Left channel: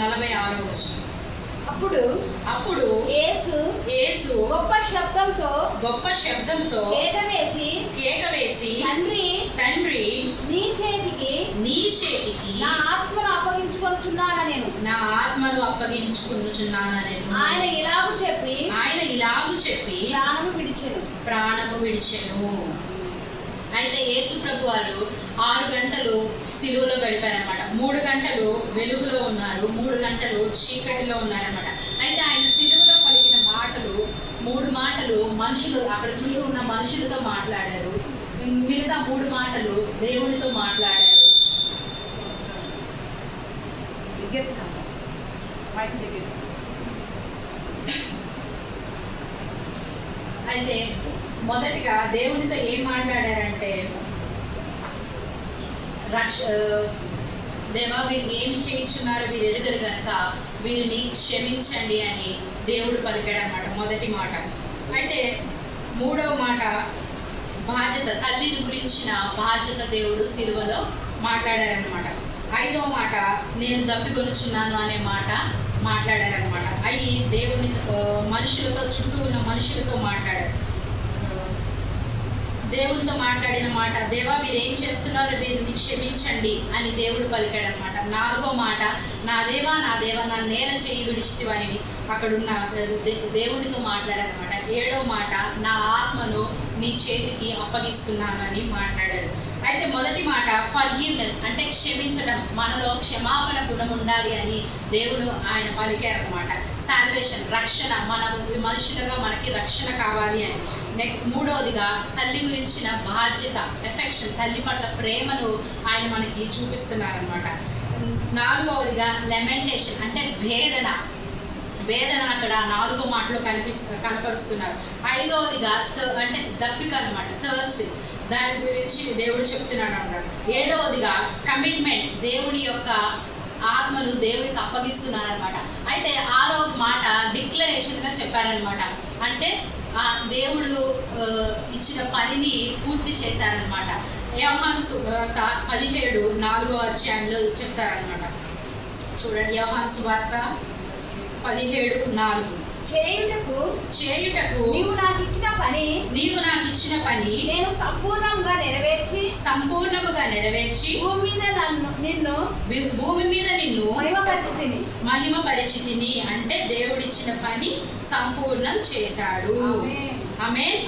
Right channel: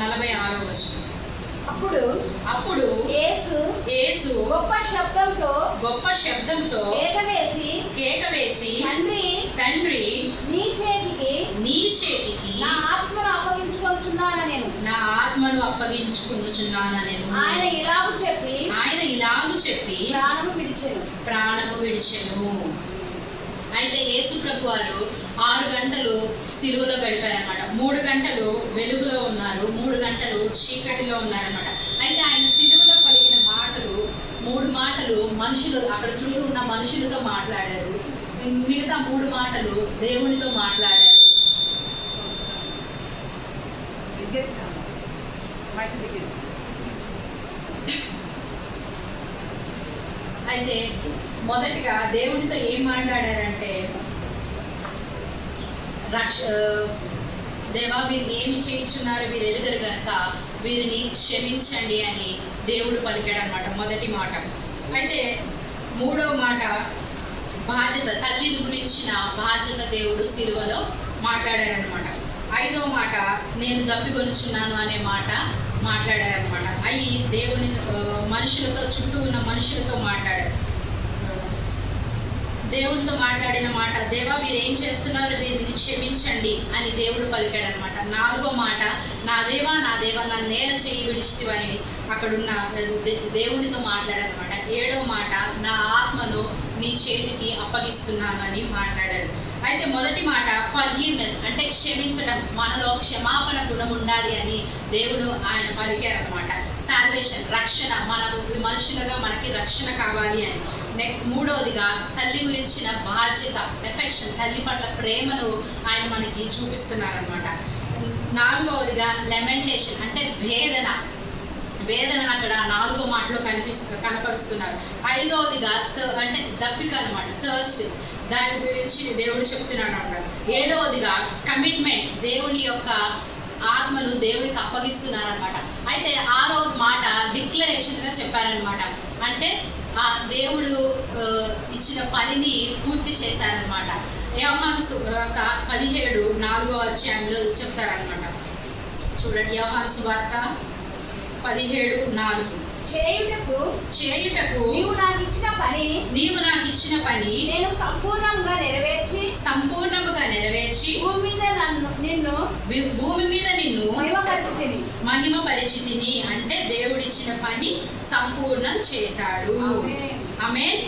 46వ వచనం. అప్పుడు అప్పుడు యేసు గొప్ప శబ్దంతో కేక వేసి తండ్రి నీ చేతికి నా ఆత్మను అప్పగించుకొనుచున్నానని ఆయన ఇలాగు చెప్పి ప్రాణము విడిచెను. అయితే యేసు ప్రభు వారు 6 గంటలు సిలువలో గడిపారనమాట. 3 గంటలు వెలుగులో ఉన్నారు, 3 గంటలు చీకటిలో ఉన్నారనమాట. అయితే ఆయన సిలువలో పలికిన మాటలు 3 మాటలు మనుషులు, అక్కడ చుట్టూ ఉన్న మనుషులతో మాట్లాడారు. మిగతా 3 మాటలు దేవునితో మాట్లాడారు. అయితే మొదటిగా దేవునితో ఏం మాట్లాడారంటే, దేవా వీరు ఏమి చేయించున్నారో వీరు ఎరుగరు కనుక వీరిని క్షమించండి అని దేవుడు పలికాడనమాట, మొదటి మాట. అయితే 3వ మాట బాధ్యత, తల్లిని గురించిన బాధ్యత దేవుడు సిలువలో మాట్లాడారనమాట. 5వ మాట నేను దప్పికొనుచున్నాను అనే మాట మాట్లాడారనమాట. అవి దేవుని మనుషులతో, చుట్టూ ఉన్న మనుషులతో మాట్లాడారు. దేవునితో మాట్లాడిన మాట, దేవా వీరు ఏం చేస్తున్నారో వీరిని క్షమించండి అని దేవుడు పలికాడనమాట. 4వ మాట నా దేవా నన్ను నేల చేయి విడిచితివి అని అక్కడున్న దేవునితో మాట్లాడారనమాట. 7వ మాట నా ఆత్మను నీ చేతికి అప్పగిస్తున్నాను అని మాట్లాడారు. అయితే మొదటి మాట ఫర్గివ్నెస్ అంటే క్షమించడం, మనలో క్షమాపణ గుణం ఉండాలి అని దేవుడు ఆయన పలికారనమాట. సాల్వేషన్ రక్షణ, మన మనుషులుగా మనకి రక్షణ కావాలి అని. నెక్స్ట్ 3వదిగా తల్లి గురించిన బాధ్యత, ఎఫెక్షన్, తల్లి పట్ల ప్రేమను ఆయన మనకి చూపిస్తున్నారనమాట. 4వదిగా లెమెంటేషన్ అంటే వేదన అక్కడ 4వ మాటలో కనపరుస్తున్నారు. 5వదిగా అంటే దప్పిక అనమాట, థర్స్ట్, దాని గురించి దేవుడు చెప్తున్నాడు అన్నమాట. 7వదిగా కమిట్మెంట్, దేవుని యొక్క ఆత్మను దేవుడికి అప్పగిస్తున్నారనమాట. అయితే 6వ మాట డిక్లరేషన్గా చెప్పారనమాట. అంటే దేవుడు ఇచ్చిన పనిని పూర్తి చేశారనమాట. యోహాను సువార్త 17:4వ అధ్యాయంలో చెప్తారనమాట. చూడండి, యోహాను సువార్త 17:4 చేయుటకు నీవు నాకు ఇచ్చిన పని నేను సంపూర్ణముగా నెరవేర్చి భూమి మీద నిన్ను మహిమపరిచితిని అంటే దేవుడిచ్చిన పని సంపూర్ణం చేశాడు. ఆమేన్.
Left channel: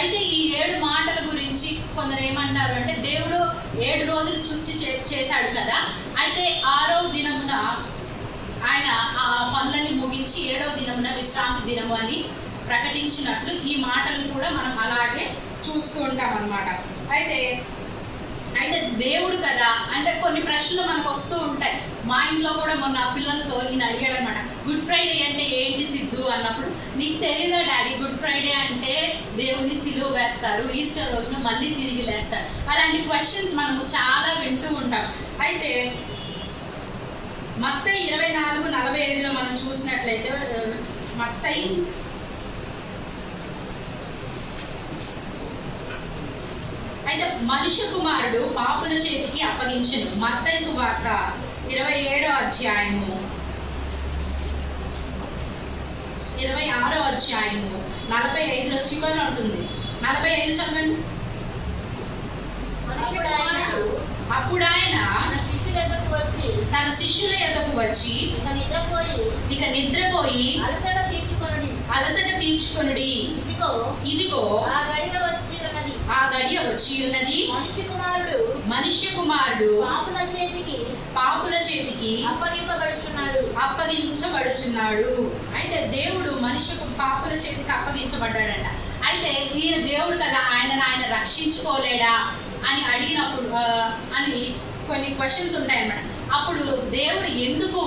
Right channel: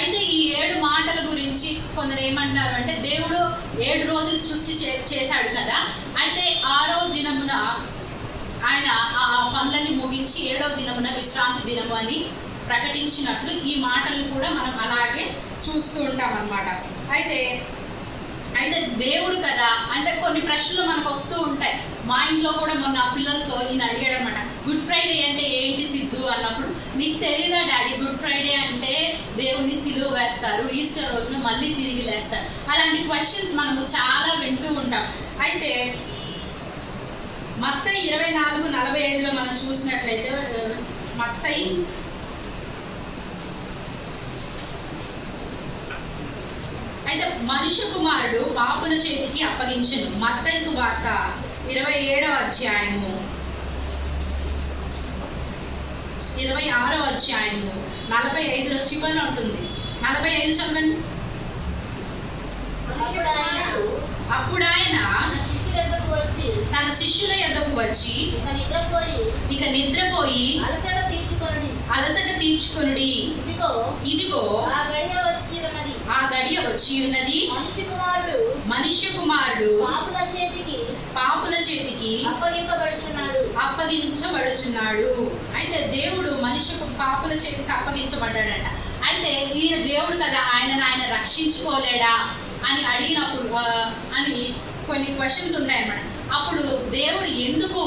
అయితే ఈ 7 మాటల గురించి కొందరు ఏమంటారు అంటే, దేవుడు 7 రోజులు సృష్టి చేశాడు కదా, అయితే 6వ దినమున ఆయన ఆ పనులని ముగించి 7వ దినమున విశ్రాంతి దినము అని ప్రకటించినట్లు ఈ మాటలు కూడా మనం అలాగే చూస్తూ ఉంటాం అన్నమాట. అయితే దేవుడు కదా అంటే కొన్ని ప్రశ్నలు మనకు వస్తూ ఉంటాయి. మా ఇంట్లో కూడా మొన్న పిల్లలతో ఈయన అడిగాడు అనమాట, గుడ్ ఫ్రైడే అంటే ఏంటి సిద్ధు అన్నప్పుడు, నీకు తెలీదా డాడీ, గుడ్ ఫ్రైడే అంటే దేవుడిని సిలువ వేస్తారు, ఈస్టర్ రోజున మళ్ళీ తిరిగి లేస్తారు. అలాంటి క్వశ్చన్స్ మనము చాలా వింటూ ఉంటాం. అయితే మత్తయి 24:45లో మనం చూసినట్లయితే, మత్తయి అయితే మనుష్య కుమారుడు పాపుల చేతికి అప్పగించును. మత్తయి సువార్త 27వ అధ్యాయము 26వ అధ్యాయము 45లో చివరన ఉంటుంది. 45 చదవండి. అప్పుడు ఆయన తన శిష్యుల యొద్దకు వచ్చి ఇక నిద్రపోయి అలసట తీర్చుకొనుడి, ఇదిగో ఆ గడియ వచ్చి ఉన్నది, మనుష్య కుమారుడు పాపుల చేతికి అప్పగించబడుచున్నాడు. అయితే దేవుడు పాపుల చేతికి అప్పగించబడ్డాడట. అయితే ఈయన దేవుడు కదా, ఆయన రక్షించుకోలేడా అని అడిగినప్పుడు అని కొన్ని క్వశ్చన్స్ ఉంటాయన్నమాట. అప్పుడు దేవుడు ఎందుకు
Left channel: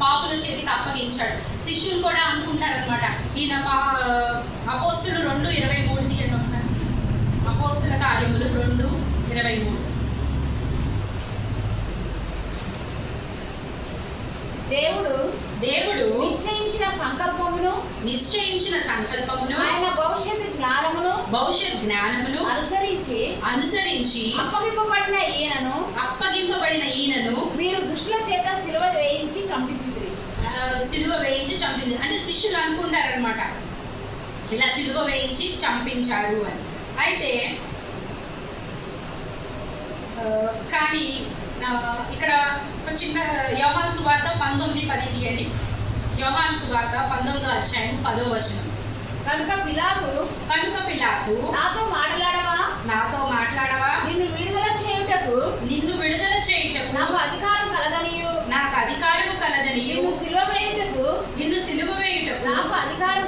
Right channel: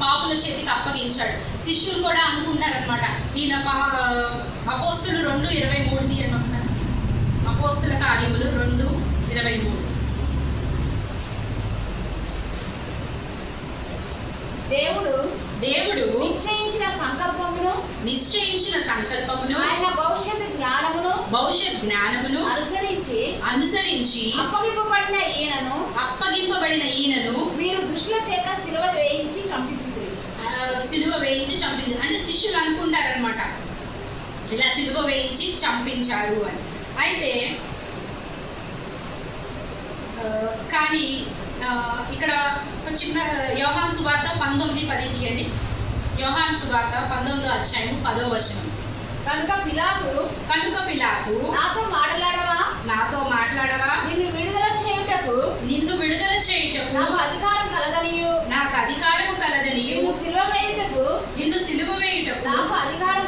పాపుల చేతికి అప్పగించాడు? శిష్యులు కూడా అనుకుంటారనమాట, ఈయన అపోస్తులు 2:23 తీయండి ఒకసారి. అపోస్తుల కార్యములు 2:23. దేవుడు నిశ్చయించిన నిశ్చయించిన సంకల్పమును ఆయన భవిష్యత్ జ్ఞానమును అనుసరించి అప్పగింపబడిన ఈయనను మీరు దుష్టుల చేత సిలువ వేయించి చంపింది. అంటే శిష్యులు అనుకుంటారనమాట ఇలా సిలువ వేయించి చంపించారు అని. అయితే కానీ ఇక్కడ ఒక చిన్న యోహాను సువార్త 19:10 తీయండి. యోహాను సువార్త 19వ అధ్యాయం 10వ వచనం. కనుక పిలాతు నాతో మాట్లాడవా నిన్ను విడుదల చేయుటకు నాకు అధికారము కలదనియు నిన్ను సిలువ వేయుటకు నాకు అధికారము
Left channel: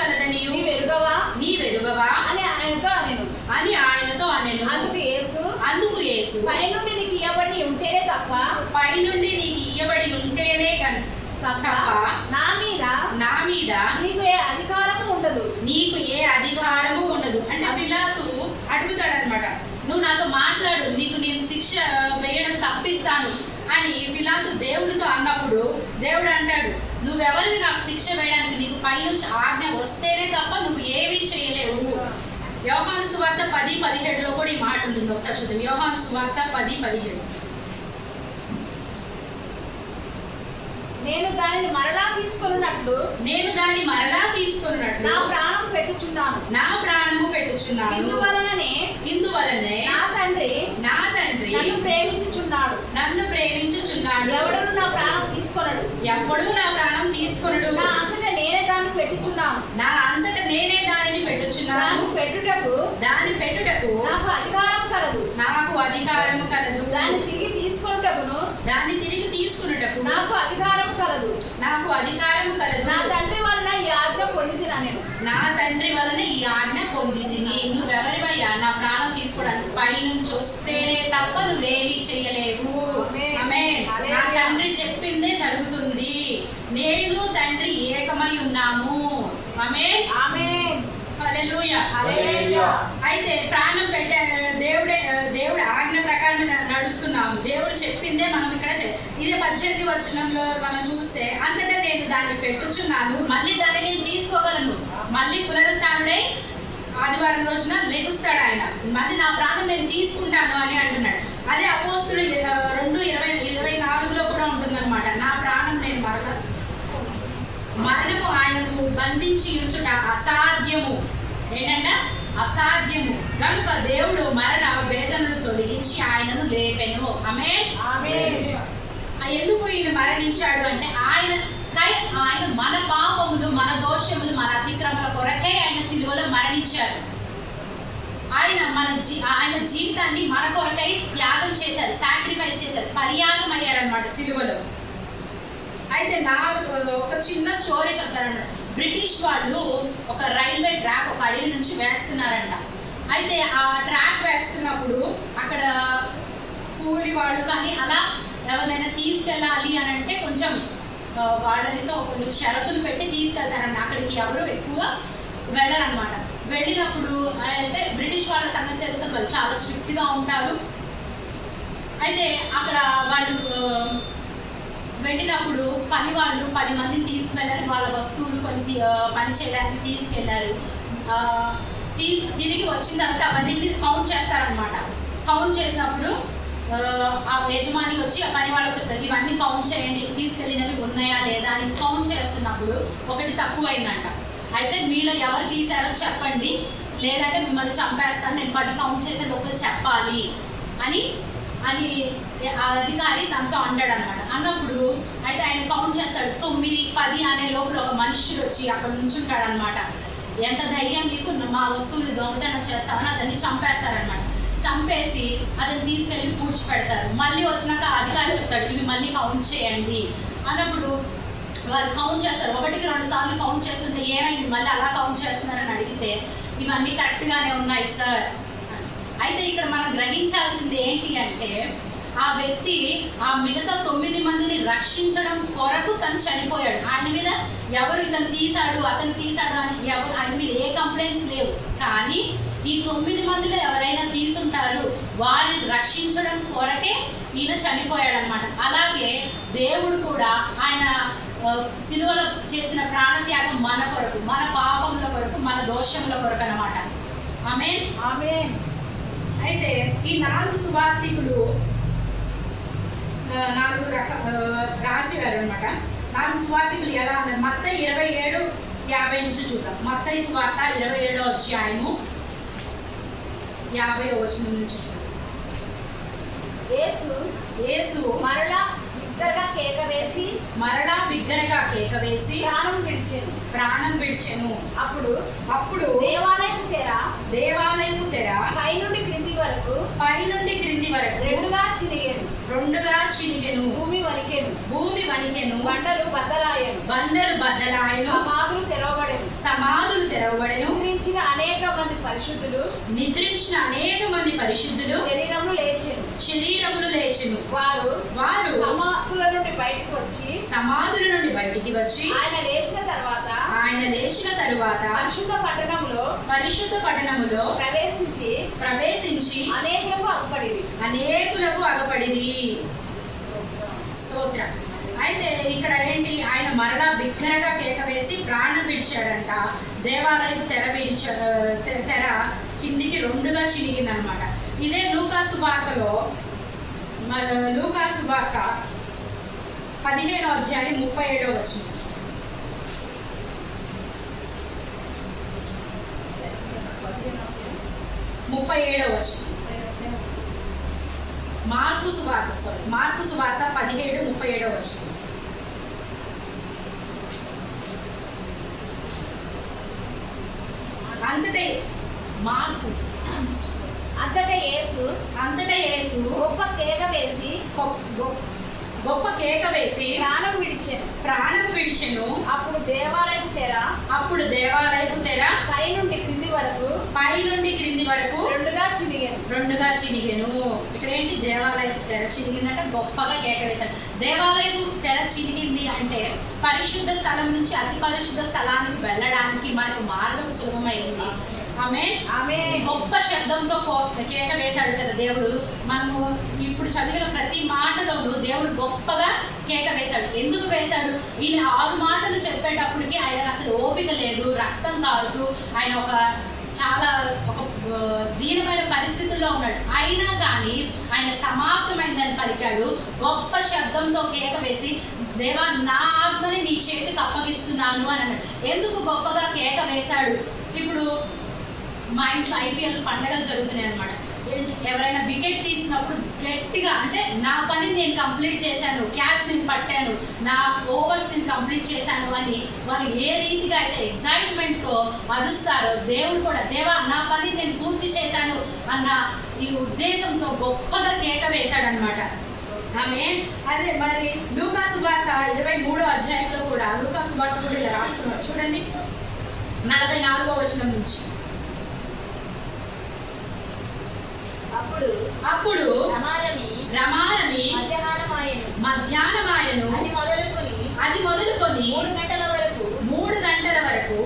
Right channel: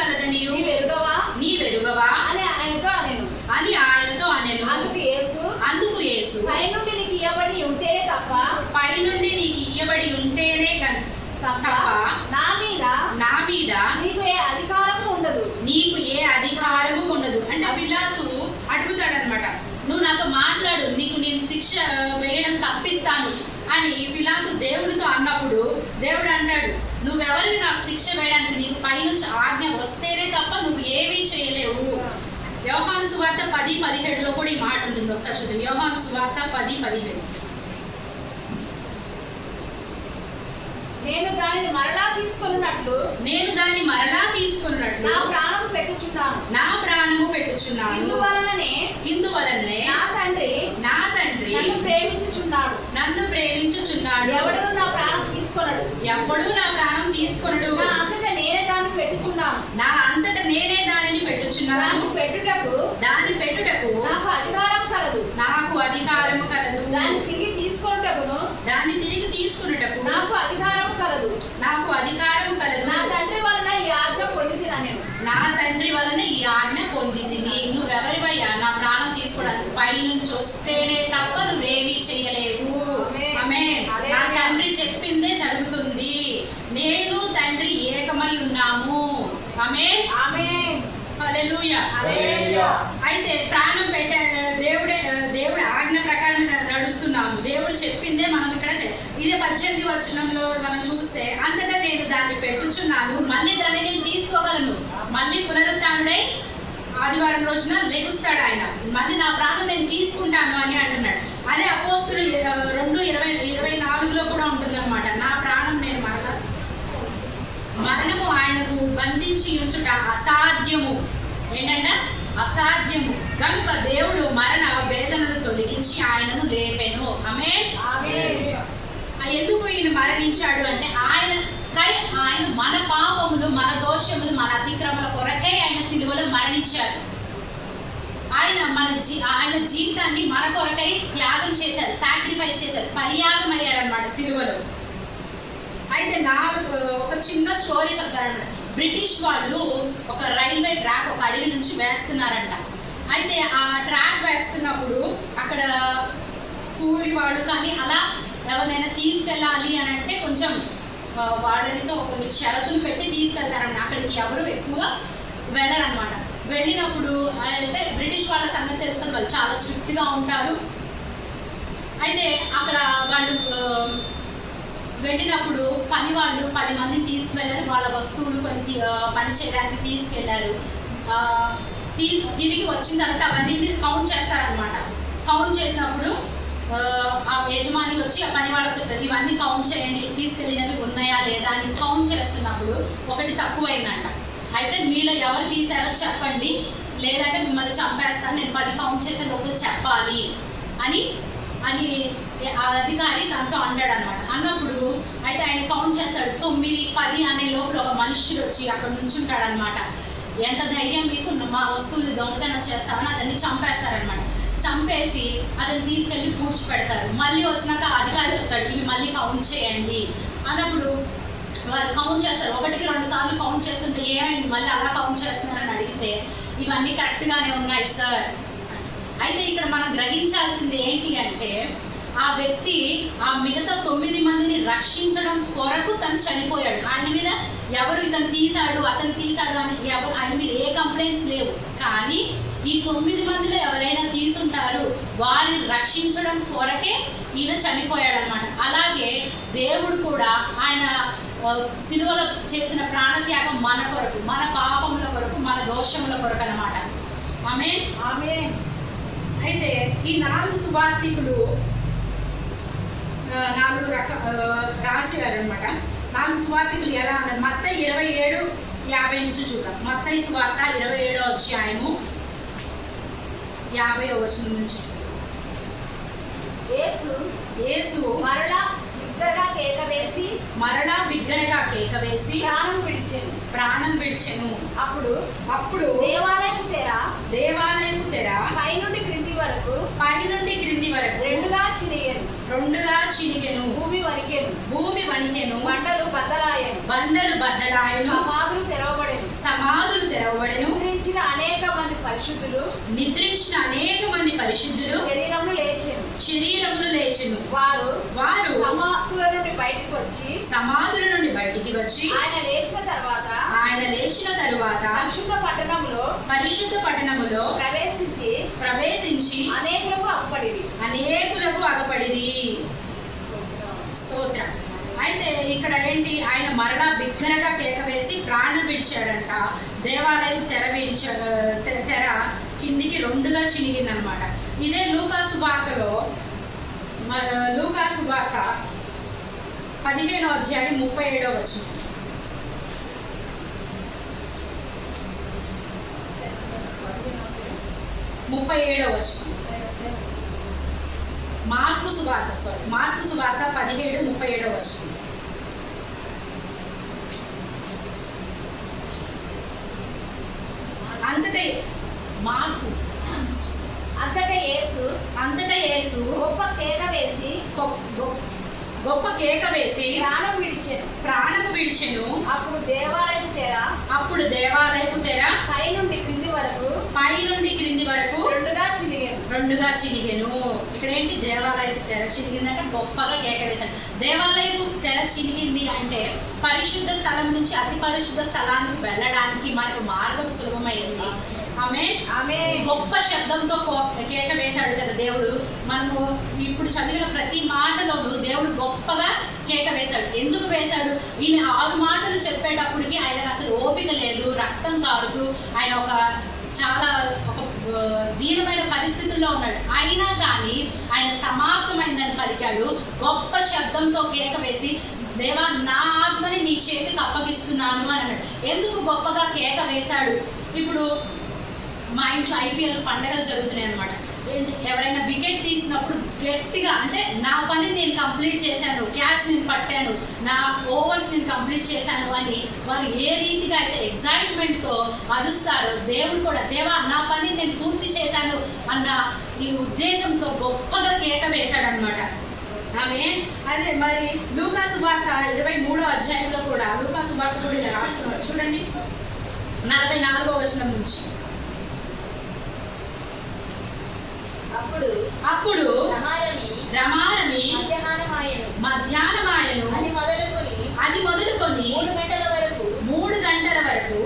కలదనియు నీవెరుగవా అని ఆయనతో అనెను. అందుకు యేసు పైనుండి నీకు ఇయ్యబడి ఉంటేనే తప్ప నా మీద నీకు ఏ అధికారము ఉండదు. అంటే పిలాతు అడుగుతాడనమాట, నువ్వు నాతో మాట్లాడు, నీకు నేను శిక్ష వేయడం తప్పిస్తాను అని పిలాతు దేవుడితో అన్నప్పుడు దేవుడు అంటాడు, నువ్వెవరివి నాకు శిక్ష వేయడానికి, నీకు పైనుంచి ఆజ్ఞ వస్తేనే తప్ప నువ్వు ఏమీ చేయలేవు. యోహాను సువార్త 10:17 కూడా ఈ మాట ఉంటుంది. ఒకసారి చూద్దాం. యోహాను సువార్త 10:17. నేను దానిని మరలా తీసుకొనున్నట్లు నా ప్రాణము పెట్టుచున్నాను. ఇందువలనే నా తండ్రి నన్ను ప్రేమించుచున్నాడు. ఎవడు నా ప్రాణం తీసుకొనడు. నా అంతట నేనే దానిని పెట్టుచున్నాను. దాని పెట్టుటకు నాకు అధికారము కలదు. దాన్ని తిరిగి తీసుకొనుటకు నాకు అధికారము కలదు. నా తండ్రి వలన ఈ ఆజ్ఞ పొందితిని. నువ్వెవరివయ్యా నా ప్రాణం తీసుకోవడానికి? పైనుంచి వస్తేనే తప్ప నువ్వేమీ చేయలేవు. ఆమేన్. నా తండ్రి చెప్పిందే జరుగుతుంది. నేను తండ్రి ఏకమై ఉన్నాము. ఆమేన్. హల్లెలూయా. అయితే ప్రాణం పెట్టే దేవుడి ఆజ్ఞ ప్రకారం నడుస్తున్నాము. దేవుడు చెప్పిందే మనం ఇక్కడ ఇదే 18వ వచనంలో మనం చూస్తే, అంతటా నేను దాన్ని పెట్టుచున్నాను, మళ్ళీ దాన్ని నేను తీసుకోగలను. మళ్ళీ పునరుత్థానుడై ఆదివారం రోజున లెగుస్తాడు ఆయన. మళ్ళీ నా ప్రాణం నేను తీసుకుంటాను అని అంటున్నాడు. అదే అపోస్తులు 2:24లో కూడా ఉంటుందన్నమాట. నా ప్రాణం నేను మరణము ఆయనకు బంధించి ఉంచుట అసాధ్యము. ఏంటంట? అసాధ్యము. కనుక దేవుడు మరణ వేదనను తొలగించి ఆయనను లేపెను. ఆమేన్. ఎందుకు ఈయన మరణించాడు అంటే ఆయన మన పాపములు, మన దోషములు, మన అతిక్రమల కొరకే ఆయన సిలువలో మరణించారు. ఆయన జీవితాన్ని మన కొరకై త్యాగం చేశారు, సాక్రిఫైస్ చేశారు, పరియాగం అయ్యారనమాట సిలువలో. అయితే ఒక చిన్న స్టోరీ చెప్తారంట. బ్రిటిష్ వాళ్ళు ఒక రైల్వే ట్రాక్ ఒక అడవి నుంచి వేస్తున్నారంట. అయితే ఆ ట్రాక్ వేస్తున్నప్పుడు అక్కడ కూలి వాళ్ళు కానీ అలా ఎవరినైనా తీసుకెళ్ళాలి అని అంటే కొంచెం వాళ్ళనితో కొన్ని షరతులు పెట్టి తీసుకెళ్తారంట. అక్కడికి ఎవరు ఎక్కువగా వెళ్ళరనమాట. వెళ్ళినప్పుడు అయితే బ్రిటిష్ వాళ్ళ సంగతి తెలుసుకొని వాళ్ళు చాలా స్ట్రిక్ట్గా ఉంటారు. అయితే అక్కడ వాళ్ళు వెళ్ళినప్పుడు పని వాళ్ళు 10 మందిని తీసుకువెళ్ళారు. వాళ్ళ వస్తువులు కొన్ని పని చేయడానికి తీసుకెళ్లారు. తిరిగి వచ్చిన తర్వాత అవన్నీ కౌంట్ చేస్తారనమాట. కౌంట్ చేసినప్పుడు ఆ యజమాని వచ్చి ఆ పని వాళ్ళకి చెప్తారు, ఇవన్నీ కౌంట్ చేయండి, తీసుకెళ్ళినవి ఉన్నాయా లేదా అని. కౌంట్ చేస్తున్నప్పుడు ఒకటి తక్కువైందంట. అయితే మీలో ఎవరు తీసారో చెప్పండి, లేదంటే మిమ్మల్ని చంపేస్తాను, నేను 10 కౌంట్ చేసే లోపల చెప్పాలి అని ఆ అధికారి తనతో అంటాడు అనమాట. అన్నప్పుడు అయితే ఆయన కౌంట్ చేస్తాడు. 9, 10 అనే లోపల ఒక మనుషుడు వచ్చి అక్కడ నుంచుంటాడు అనమాట. ఎంత ధైర్యం మీకు, మా వస్తువులు దొంగతనం చేస్తామని అతన్ని చంపేస్తారనమాట. చంపేసి అతన్ని తీసుకెళ్ళి పూడ్చిపెడతారు. మళ్ళీ వచ్చినాక అధికారి చెప్తాడు, ఇవి మళ్ళీ కౌంట్ చేయండి అన్నప్పుడు వారు కౌంట్ చేస్తారు. 1కి 2 సార్లు కౌంట్ చేస్తుంటే ఏమైంది మళ్ళీ అలా కౌంట్ చేస్తున్నారని అడిగితే, ఇవన్నీ కరెక్ట్గానే ఉన్నాయి సార్. అయితే ఇక్కడ మనం గ్రహించాల్సింది ఏంటి అంటే, ఆ వ్యక్తి ఆ మిగతా 9 మందిని రక్షించడం కొరకు తను చనిపోయాడు. ఆయన మీద ఎవరు ఇతను తీశాడు, అతను తీశాడు అని ఆయన మీద ఏ కంప్లైంట్స్ లేవు. కానీ ఈ 9 మందిలో ఎవరైనా తీసుంటారు, వారిని రక్షించడం కొరకే ఈయన చనిపోయాడు అనమాట. అలాగే దేవుడు కూడా ఆయన సిలువలో చేసిన ప్రాణత్యాగం మన కొరకు, మన పాపముల కొరకు, మన దోషముల కొరకు అన్నమాట. ఆమేన్. ఆమేన్. అయితే ఈ 4 సువార్తికులు 4 రాశారు అన్నమాట. 4 సువార్తికులు ఎలా అన్నారు? మత్తయి 27:50 నుంచి చూద్దాం. మత్తయి సువార్త 27వ అధ్యాయము 50వ వచనం నుంచి చూద్దాం. యేసు మరలా బిగ్గరగా కేక వేసి ప్రాణం విడిచెను. అప్పుడు దేవాలయపు తెర పై నుండి క్రింది వరకు రెండుగా చినిగెను. భూమి వణికెను. బండలు బద్దలాయెను. సమాధులు తెరవబడెను. నిద్రించిన అనేక మంది పరిశుద్ధులు శరీరములు లేచెను. వారు సమాధుల నుండి బయటికి వచ్చి ఆయన లేచిన తరువాత పరిశుద్ధ పట్టణములో ప్రవేశించి అనేకులకు అగపడిరి. స్తోత్రం. అయితే ఇక్కడ ఏంటి? ఆయన మరలా బిగ్గరగా కేక వేసి ప్రాణం విడిచాడంట. దేవాలయం తెర కిందికి రెండుగా చినిగిందనమాట. ఇదే లూకాసు వార్తలో, లూకాసు వార్త 15వ అధ్యాయం 37వ వచనం. మార్కు సువార్త 17:37వ వచనం. అంతటా యేసు గొప్ప కేక వేసి ప్రాణము విడిచెను. అప్పుడు దేవాలయపు తెర పై నుండి క్రింది వరకు రెండుగా చినిగెను. ఇక్కడ ఏంటి? దేవాలయపు తెర చినిగిందంటే గొప్పగా కేక వేశాడు. దేవాలయపు తెర చినిగింది అంటే పరిశుద్ధ స్థలం నుంచి అతి పరిశుద్ధ స్థలానికి వెళ్ళడానికి మనకు మార్గం సులభమైంది. ఆమె గొప్ప శబ్దంతో కేక వేశాడు కదా దేవుడు. మనము ఇప్పుడు చదివిన ప్రతి మాటలోనూ దేవుడు గొప్పగా కేక వేశాడు. ఎందుకు వేశాడు? ఈయన 6 మాటలు చెప్పేటప్పటికి ఆయనకు అసలు ఓపిక లేదు, రక్తం కారుతూ ఆయన చాలా దీనమైన పరిస్థితుల్లో ఉన్నాడు. అయినా కానీ ఆయన సమాప్తమైందని పలికాడు. గొప్ప శబ్దంతో కేక వేసి, దేవా నా ఆత్మని నీ చేతికి అప్పగిస్తున్నాను అని అన్నాడు. ఎందుకు గొప్పగా కేక వేశాడు? ఇప్పుడు మా ఇంట్లో IPL పండుగలు జరుగుతున్నాయి అనమాట. ఎవరైనా వికెట్ తీసినప్పుడు గట్టిగా, అంటే నా పని నేను కంప్లీట్ చేశాను, క్యాచ్ నేను పట్టాను, నా ఓవర్స్ నేను కంప్లీట్ చేశాను అని వాళ్ళు ఏ రీతిగా అయితే ఎగ్జైట్మెంట్తో అరుస్తారో, దేవుడు కూడా దేవా నా పని నేను పూర్తి చేశాను అన్న ఈ ఉద్దేశంతో గొప్పగా కేక వేశాడనమాట. అదే మరి లూకాసు వార్త 23వ అధ్యాయంలో కూడా లూకాసు వార్త కూడా ఇలా రాస్తున్నారు చూడండి, 44వ వచనం నుంచి. అప్పుడు రమారమి మధ్యాహ్నమాయను. అది మొదలుకొని 3 గంటల వరకు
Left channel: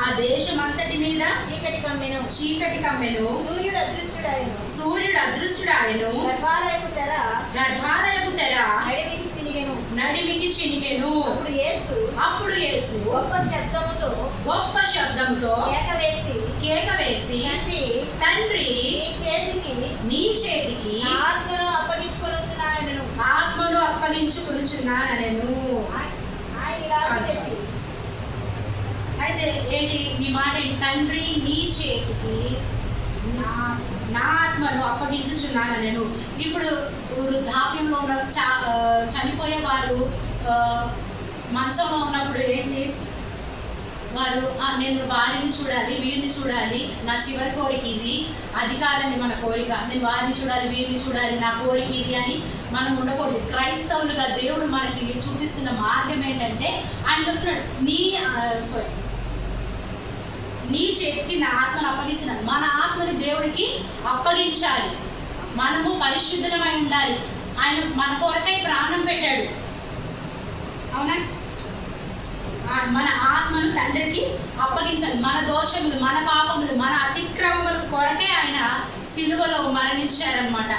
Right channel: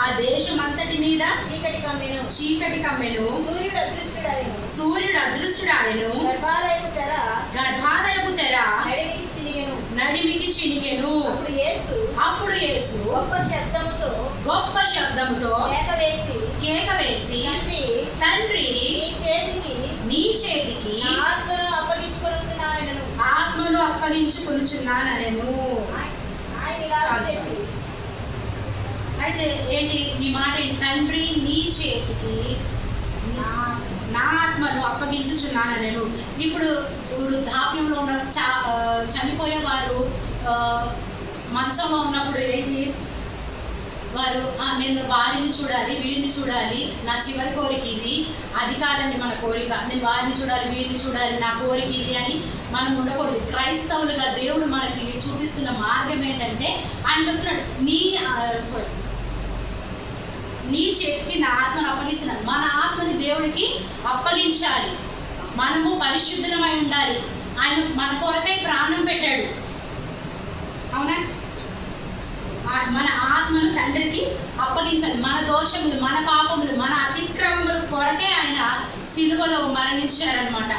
ఆ దేశమంతటి మీద చీకటి కమ్మెను. సూర్యుడు అదృశ్యుడాయను. గర్భాలయపు తెర నడిమికి చినిగెను. అప్పుడు యేసు గొప్ప శబ్దముతో కేక వేసి తండ్రి నీ చేతికి ఆత్మను అప్పగించుకొనుచున్నానెను. అయితే ఏంటి ఈ మాట? తండ్రి నీ చేతికి నా ఆత్మను అప్పగించుచున్నానెను. ఇప్పుడు వృద్ధాప్యంలో ఉన్న చనిపోయే వారు మంచంలో ఉన్నప్పుడు ఏంటి? వారు నేను వారిని చూడాలి, వీరిని చూడాలి, నా చివరి కోరిక ఇది, అది కాదండి మన కోరిక. నేను వారిని చూడాలి, వీరిని చూడాలి, నా కోరిక ఇది అని మనం ఉండకూడదు. క్రైస్తవులుగా దేవుడు మనకి చూపిస్తున్న మార్గం ఏంటంటే, ఆయన చెప్తున్నాడు నీ చేతికి నా ఆత్మను అప్పగిస్తున్నాడు. మన ఆత్మని దేవుడికి అప్పగించాలి. మనము పరిశుద్ధమై ఉండాలి. ఆయన మన కొరకై ప్రాణం పెట్టాడు, అవునా? మన ఆత్మను తండ్రికి అప్పగించాలి. మన దోషములు, మన పాపములు, మన అతిక్రమముల కొరకే ఆయన సిలువలో మరణించారనమాట.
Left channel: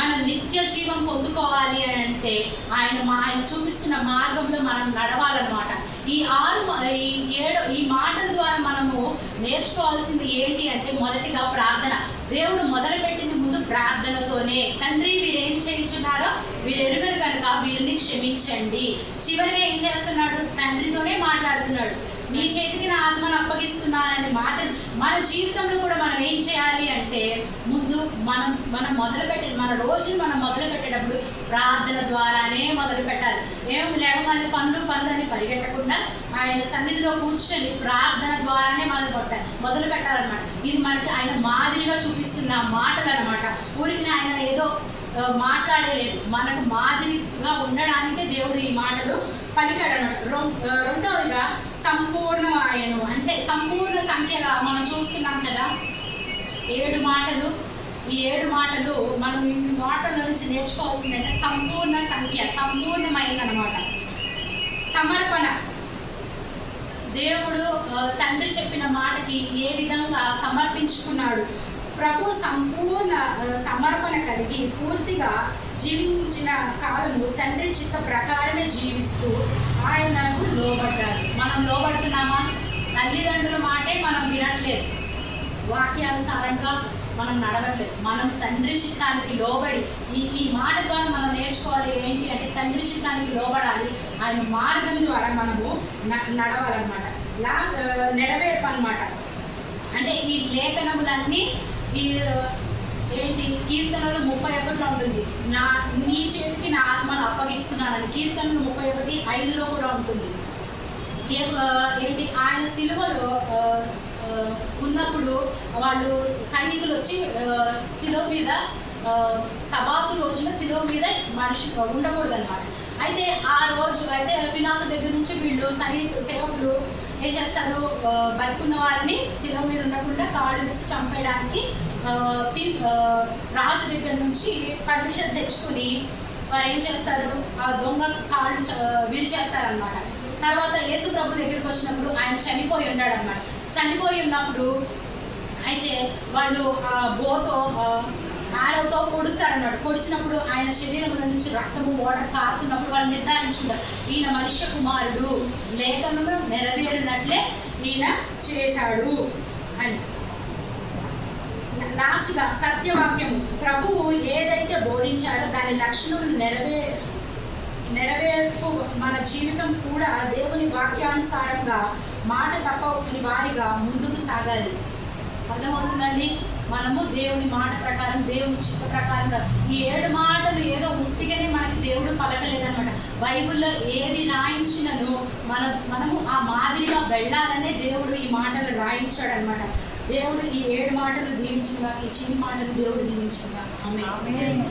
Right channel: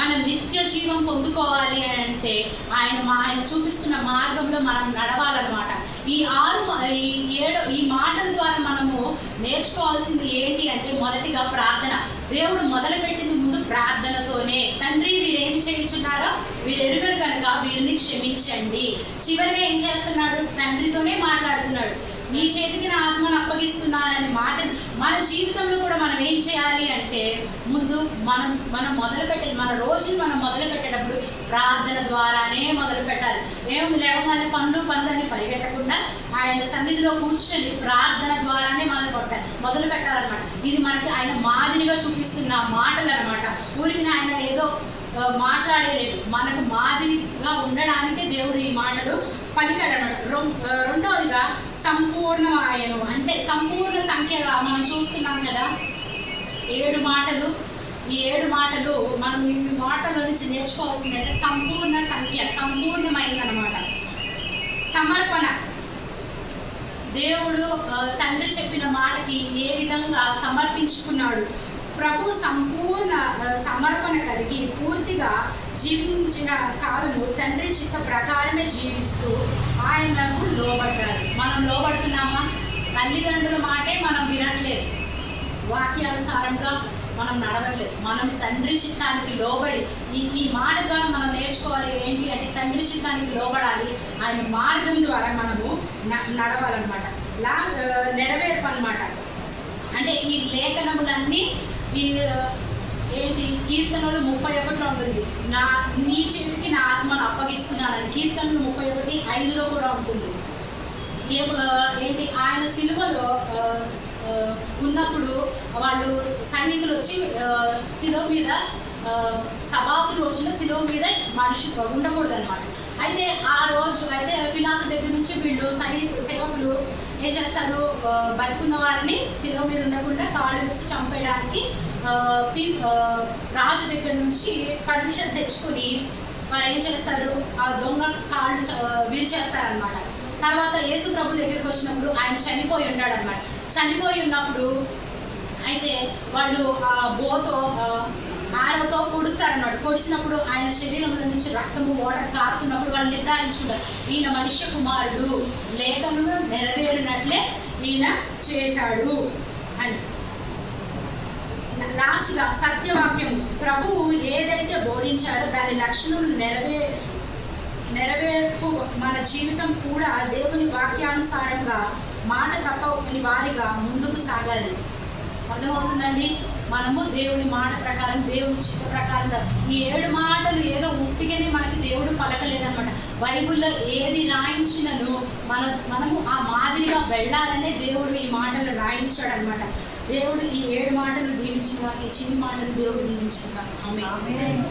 మనం నిత్య జీవం పొందుకోవాలి అని అంటే ఆయన చూపిస్తున్న మార్గంలో మనం నడవాలన్నమాట. ఈ మాటల ద్వారా మనము నేర్చుకోవాల్సింది ఏంటి అంటే, మొదటిగా ప్రార్థన. దేవుడు మొదలుపెట్టింది ముందు ప్రార్థనతోనే. తండ్రి, వీరేమి చేయించున్నారో వీరు ఎరుగరు కనుక వీరిని క్షమించండి. చివరిగా ఏం చేస్తున్నాడు? తండ్రితోనే మాట్లాడుతున్నాడు. నీ చేతికి నా ఆత్మను అప్పగిస్తున్నానని మాత్రం మన జీవితంలో కూడా మనం ఏం చేయాలి అంటే, ముందు మనం మన రోజుని మనం మొదలు పెట్టేటప్పుడు ప్రార్థన ద్వారానే మొదలు పెట్టాలి. ఏముంది లేవగానే పనులు అని పరిగెట్టకుండా ఆయన సన్నిధిలో కూర్చొని ప్రార్థన ద్వారానే మొదలు పెట్టాలన్నమాట. ఇది మనకి ఆయన మాదిరిగా చూపిస్తున్న మాటలు అనమాట. ఊరికి ఆయన ఏదో మాట్లాడలేదు, మనకు మాదిరిగా ఉండడానికే దేవుడు ఈ మాటలు పలికాడు అన్నమాట. రెండవదిగా సంపూర్ణమాయను, అంటే సంపూర్ణ సంఖ్యగా మనం చూస్తున్నాం కదా 7 మాటలు. ఈ 7 మాటలు మనం ఈ మాటల నుంచి నేర్చుకోవాల్సిందంటే సంపూర్ణ సంఖ్య, సంపూర్ణమైనదన్నమాట. సమర్పణ. దేవుడు తండ్రి చెప్పిన మాటకి ఏ విధంగా సమర్పించుకున్నాడు. ప్రభు సంపూర్ణ సమర్పణ కలిగి పూర్తిగా జీవించిన కాలము తండ్రి చిత్త ప్రకారమే జీవిస్తూ ఆయనకు లోబడ్డాడు. మనం లోబడుతున్నామా? తల్లిదండ్రుల మాటే మనం వినట్లేదు, వాక్యానుసారంగా మనం నడవట్లేదు. మనం తండ్రి చిత్తానికి లోబడి ఈ మాట ద్వారా మనం నేర్చుకోవాలి ఏంటి అంటే, తండ్రి చిత్తానికి లోబడాలి. ఆయన మార్గం ద్వారా మనము నడవాలన్నమాట. నెరవేర్పు అన్నమాట. అంటే ఈ లేఖనములన్నీ ఏంటి, కీర్తనలు 31లో ఉంటుంది. నీ చేతికి నా ఆత్మను అప్పగిస్తున్నానని కీర్తనలు 31:5లో కూడా ఉంటుంది. ఏంటి, ఆయన సిలువలో ఉన్నప్పుడు వాళ్ళు సైనికులు వచ్చి శిలువ మీద సబాతు రోజున శిలువ మీద మనిషి ఉండకూడదు అనమాట. అయితే ఆ రోజు అయితే పిలాతు దగ్గర నుంచి వీళ్ళు సేవకులు ఏం చేస్తారు, బతుకున్న వాడిని శిలువ మీద ఉండకుండా కాళ్ళు వేసి చంపేయడానికి రాజు దగ్గర నుంచి పర్మిషన్ తెచ్చుకొని వారు ఏం చేస్తారు, ఆ దొంగ కాళ్ళు విరిచేస్తారనమాట. తర్వాత యేసు ప్రభు దగ్గరికి వచ్చినప్పుడు ఆయన చనిపోయి ఉన్నాడు అనమాట. చనిపోయి ఉన్నప్పుడు అయితే వాళ్ళు బోతో ఆరోతో పొడుస్తారనమాట. పొడిచినప్పుడు ఆయన శరీరంలో నుంచి రక్తము వాటర్ కారుతున్నప్పుడు వాళ్ళు నిర్ధారించుకుంటారు, ఈయన మనుష్య కుమారుడు, లేఖనము నెరవేరినట్లే ఈయన చేశాడు అని. లాస్ట్గా సత్యవాక్యం. ప్రభువు ఏదైతే బోధించాడో దాని లక్షణం నెరవేర్పు మన జీవితం కూడా దేవుని వాక్యానుసారంగా మాట తప్పని వారిగా ముందుకు సాగాలి. అర్థమవుతుందండి? మనము దేవుని మాట ప్రకారం, దేవుని చిత్త ప్రకారం ఈ 7 మాటలు ఏదో ఉట్టిగానే మనకి దేవుడు పలకలేదనమాట. బైబిల్లో ఏది రాయించినను మనము ఆ మాదిరిగా వెళ్ళాలనే దేవుడు ఈ మాటలు రాయించాడు అనమాట. దేవుడు ఈ 7 మాటలు దీవించిందా, ఈ చిన్ని మాటలు దేవుడు దీవించిందా. ఆమేన్.